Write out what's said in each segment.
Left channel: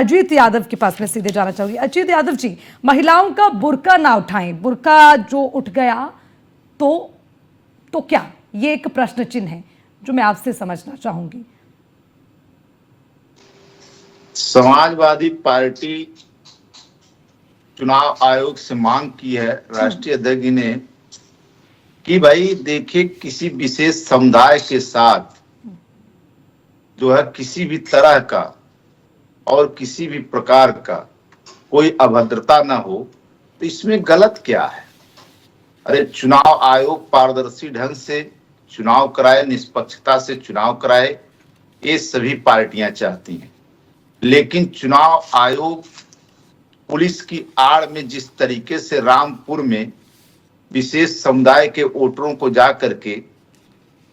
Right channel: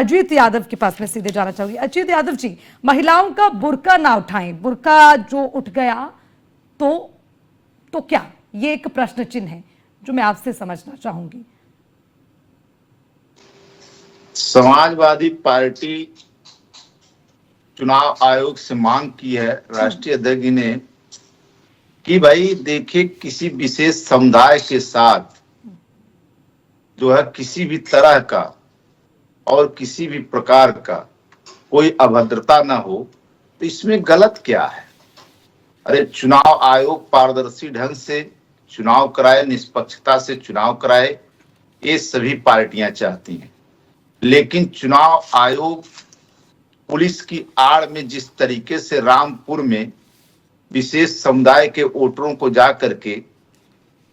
अजीत यादव के पास मैं सीधे जाना चाहूंगी। अजीत यादव जी, महिलाओं का बुर्का ना उठाएं, बुर्का जो उठ गया तो क्या, ये एक प्रश्न चिन्ह है जो मैं आपसे समझना चाहूंगी। समाजवादी पार्टी चुनाव आयोग से मांग की है राष्ट्रीय अध्यक्ष ने कि भाई देखिए, किसी विशेष समुदाय के साथ जो है किसी भी तरह का और किसी भी प्रकार का कोई अभद्रता ना हो, तो इसमें गलत क्या है। अरे चुनाव आयोग पारदर्शी ढंग से चुनाव कराए, निष्पक्षता से चुनाव कराए, ये सभी पार्टियां चाहती हैं। लेकिन चुनाव आयोग पुलिस की आड़ में जिस तरीके से रामपुर में विशेष समुदाय के वोटरों को जा करके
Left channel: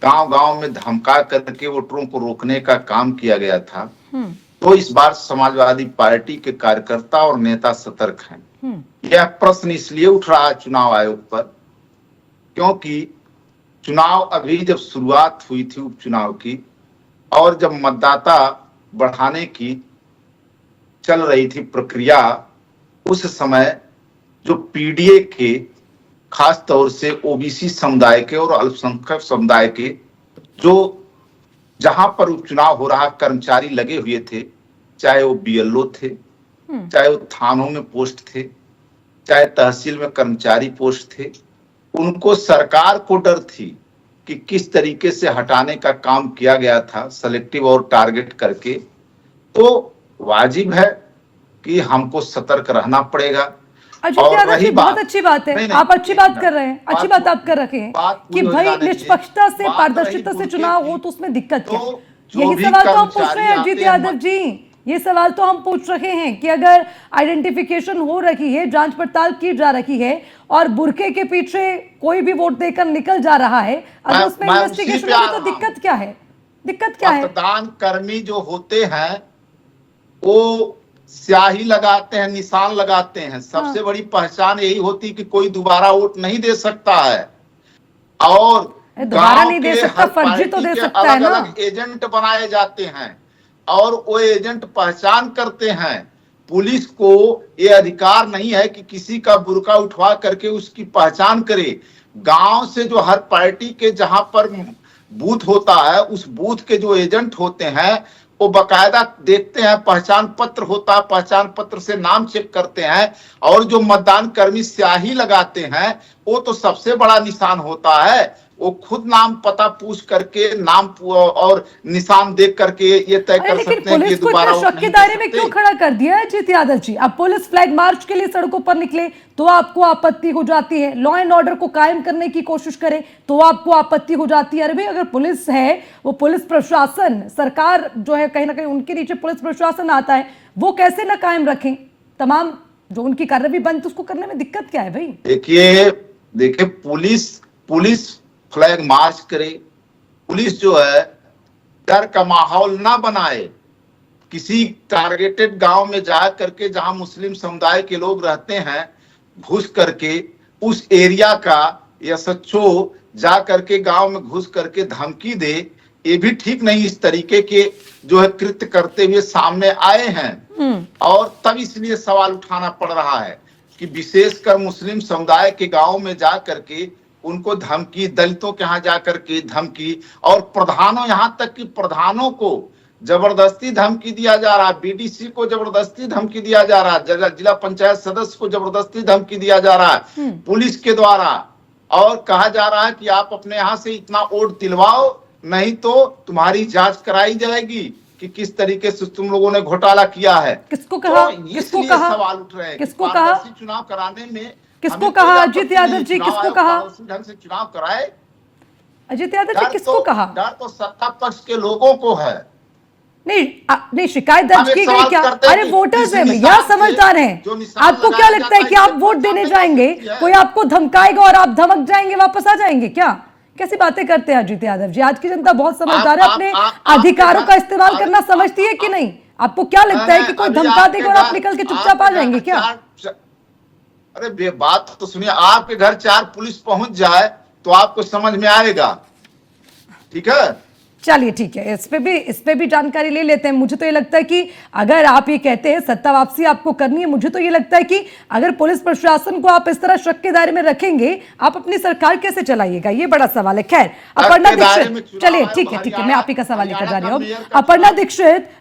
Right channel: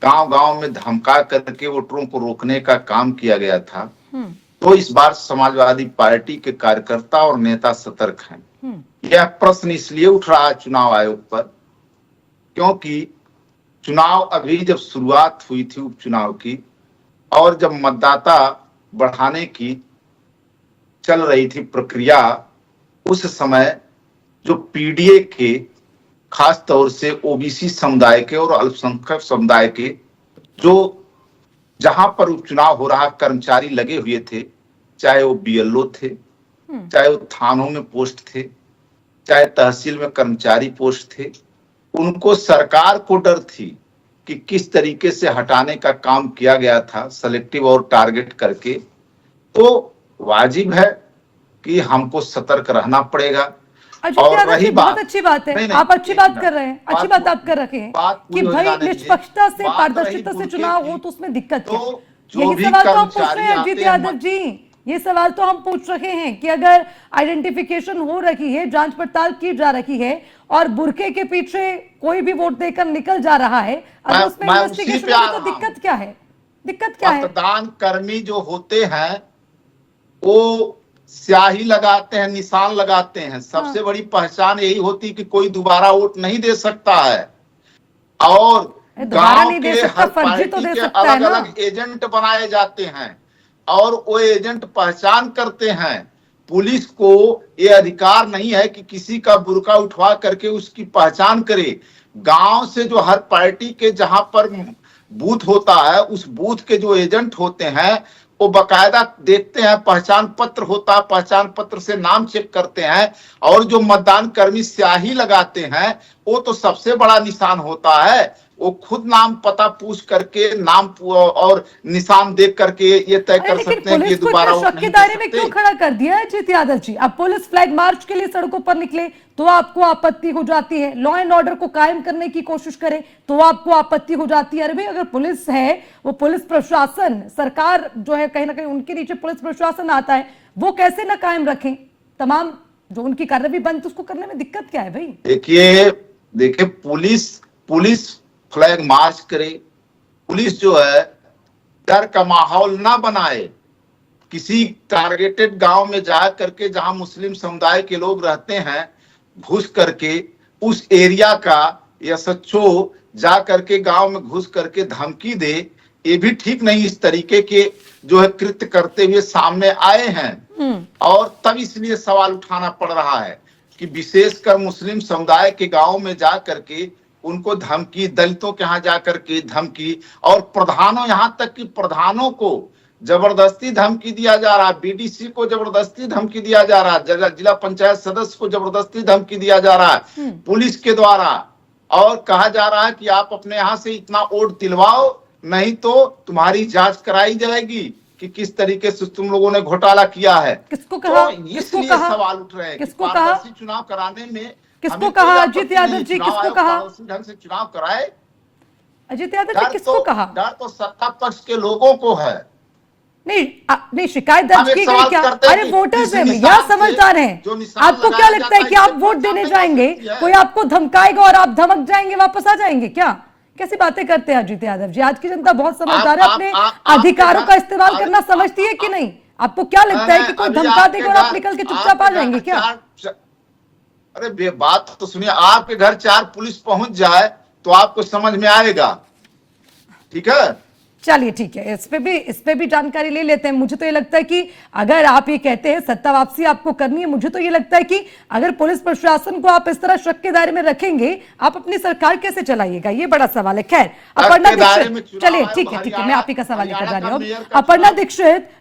गांव-गांव में धमका करके वोटरों को रोकने का काम किया गया था, तो इस बार समाजवादी पार्टी के कार्यकर्ता और नेता सतर्क हैं। यह प्रश्न इसलिए उठ रहा है चुनाव आयोग पर, क्योंकि चुनाव अभी जब शुरुआत हुई थी उपचुनाव की, और जब मतदाता बढ़ाने की चल रही थी प्रक्रिया, उस समय जो पीडीए के खास तौर से ओबीसी समुदाय के और अल्पसंख्यक समुदाय के जो जहां पर उपचुनाव हो रहा कर्मचारी लगे हुए थे, चाहे वो बीएलओ थे, चाहे वो थानों में पोस्ट थे, चाहे तहसील में कर्मचारी पोस्ट थे, उनको सरकार को डर थी कि किस तरीके से हटाने का काम किया गया था सेलेक्टिव और टारगेट करके। तो वाजिब है कि हमको सतर्क रहना पड़ेगा। और रही बहुत अच्छी बात है, नहीं, आप अच्छी बात कर रहे हैं, अच्छी बात आप कर रखे हैं कि भाई निष्पक्षता से पारदर्शिता से चुनाव हो, तो उसमें दिक्कत क्या है। यही सवाल तो हम पूछ रहे हैं अजीत यादव जी, ये सवाल तो हम पूछ रहे हैं कि अगर आइडेंटिफिकेशन हो रही है, जांच पड़ताल की जा रही है और बुरके के पीछे कोई भी वोट देकर निकल जा रहा है, अगर उसमें इन्वेस्टिगेशन हो तो दिक्कत क्या है? दिक्कत क्या है? मतदान कर्मी जो होते हैं वो स्याही लगाते हैं, निशान लगाते हैं। सबसे बड़ी पहचान यही होती कि कोई दोबारा वोट नहीं दे सकता है, और दोबारा नहीं दे सकता, फर्जी तो दे सकता है ना। अलग एजेंट बनाए जाते हैं और वो एजेंट पहचान करते हैं। पुलिस को ये अधिकार नहीं है कि किसी का बुर्का उठवा करके उसकी पहचान करे। गांव से जो हर पार्टी के जहां पर बूथ होता है, उस बूथ के जो एजेंट होते हैं वो बकायदा देखते हैं, पहचान पत्र होता है, पहचान पत्र से नाम चेक करते हैं, और जो मतदान कर्मी स्याही लगाते हैं वो तो सबसे बड़ा निशान होता है। वो खुद नाम पता पूछ करके नाम और निशान देख करके ये तय कर सकते हैं कि दोबारा शक के दायरे में क्यों खड़ा कर दिया है अजीत यादव जी? अब पुलिस फ्लैग मार्च के लिए सड़कों पर निकले तो आपको आपत्ति हो जाती है, लॉ एंड ऑर्डर को कायम करने की कोशिश करे तो आपको आपत्ति हो जाती है। अरे भाई, अगर पुलिस है, वो पुलिस प्रशासन, सरकार जो है कहीं ना कहीं उनके नीचे पुलिस प्रशासन आता है, वो कैसे ना कायम रखें तमाम जो उनकी कार्रवाई बंद, उसको करने में दिक्कत क्या है भाई? देखिए पुलिस फ्लैग मार्च करे, पुलिस जो है डर का माहौल ना बनाए। किसी टारगेटेड गांव में जा करके जहां मुस्लिम समुदाय के लोग रहते हैं, घुस करके उस एरिया का एसएचओ जा करके गांव में घुस करके धमकी दे, ये भी ठीक नहीं। इस तरीके के जो है कृत्य करते हुए सामने आए हैं, और तब इसलिए सवाल उठाना पड़ रहा है कि विशेषकर मुस्लिम समुदाय के गांव में जा करके उनको धमकी, दलितों के यहाँ जाकर के धमकी, और प्रधानों, यहाँ तक कि प्रधानों को जबरदस्ती धमकी दिया जा रहा है, बीडीसी को जबरदस्ती धमकी दिया जा रहा है, जिला पंचायत सदस्य को जबरदस्ती धमकी दिया जा रहा है पुलिस के द्वारा, और कहा जा रहा है कि आप अपने यहाँ से इतना वोट दिलवाओ, नहीं तो तुम्हारी जांच कराई जाएगी कि किस तरीके से तुम लोगों ने घोटाला किया है। किसको कहा? तो किसको कहा? सवाल उठ रहे हैं, किसको कहा? चुनाव कराने में किसको कहा अजीत यादव जी? किसको कहा ढंग से चुनाव कराए? अजीत यादव जी किसको कहा? डर तो सत्ता पक्ष के लोगों को है। नहीं शिकायत दर्ज की गई क्या? अरे वोटर्स है भैया, समझदार हैं। आपको क्या लगता है कि आप वोट देने जाएंगे, कोई आपको धमकाएगा और आप धमक जाएंगे, वापस आ जाएंगे क्या? कैसी बातें करते हैं अजीत यादव जी? आज की जनता बहुत समझदार है, अपने अधिकारों का इस्तेमाल करना समझती है कि नहीं? आपको क्या लगता है कि कोई धमका देगा और आप निकल के चुपचाप आ जाएंगे क्या? अरे बात तो सुनिए, आपके घर 4 पुलिस पहुंच जाए तो आपको समझ में आएगा, ठीक है? चलिए ठीक है, इस पे भी जानकारी ले लेते हैं। मुझे तो ये लगता है कि अगर आप ये कहते हैं सत्ता वापसी आपको करनी है, मुझे तो ये लगता है कि अगर पुलिस प्रशासन को आप इस तरह शक के दायरे में रखेंगे, आप अपनी सरकार कैसे चलाइएगा, ये बड़ा सवाल है। खैर, अपर्णा दीक्षित, चलिए ठीक है, मैं आप ही का सवाल लेकर जा रही हूँ। अपर्णा दीक्षित,